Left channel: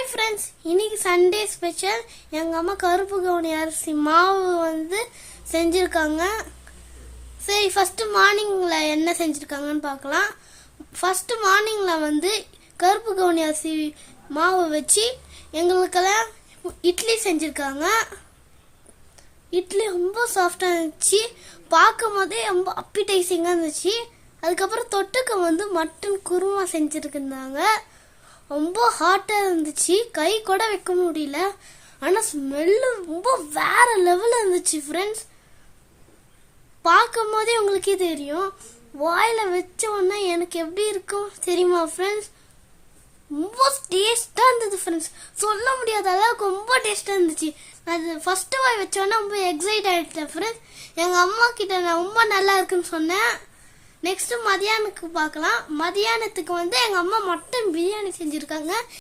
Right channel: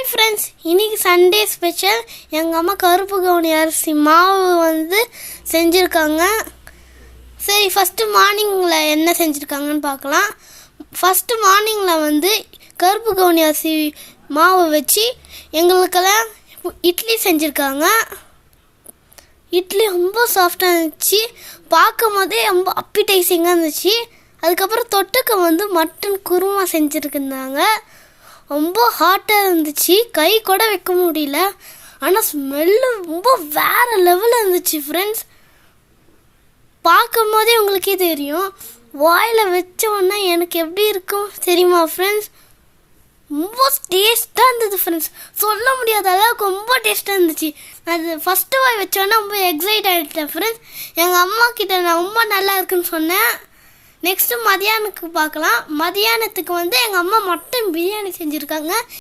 Hi friends, இன்றைக்கி Sunday special. எங்கள் அம்மா கருப்பு கவுனி அரிசி மாவு செஞ்சுருக்காங்க. சரி, ஃபஸ்ட்டு மார்னிங்கில் என்ன செஞ்சுருக்காங்கன்னு பார்க்கலாம். ஃபஸ்ட்டு மார்னிங்கில் கருப்பு கவுனி அரிசி மாவு வச்சு எங்களுக்கெல்லாம் இட்லி செஞ்சுருக்காங்க. இட்லி ரொம்ப சாஃப்டாக இருந்துச்சு, பார்க்கும் போதே ரொம்ப அப்பிடைசிங்காக இருந்துச்சு. அதுக்கப்புறம் தொட்டுக்க மட்டன் குருமா செஞ்சுருக்குறாங்க. ரொம்ப ஹாட்டாக இருந்துச்சு, கை கூட வைக்க முடியல. ஆனால் ஸ்மெல்லு ரொம்ப வேறு லெவலில் இருந்துச்சு ஃப்ரெண்ட்ஸ். பார்க்கும் போதே உங்களுக்கே தெரியும், வாயில் வச்ச உடனே எனக்கு எப்படி இருக்கும் தெரியுமா ஃப்ரெண்ட்ஸ்? ரொம்ப டேஸ்ட்டாக இருந்தது ஃப்ரெண்ட்ஸ், சொல்ல முடியாத அளவுக்கு ரொம்ப டேஸ்ட்டாக இருந்துச்சு. அது ஃபஸ்ட்டு வாய் வச்சோன்னே ரொம்ப எக்ஸைட் ஆகிட்டேன் ஃப்ரெண்ட்ஸ். எங்கள் அம்மா கிட்ட நான் ரொம்ப நல்லா இருக்குன்னு சொன்னேன். நெக்ஸ்ட்டு மதியானத்துக்கு பார்க்கலாம். மதியானத்துக்கு எங்கள் அம்மா மட்டன் பிரியாணி செஞ்சுருக்காங்க.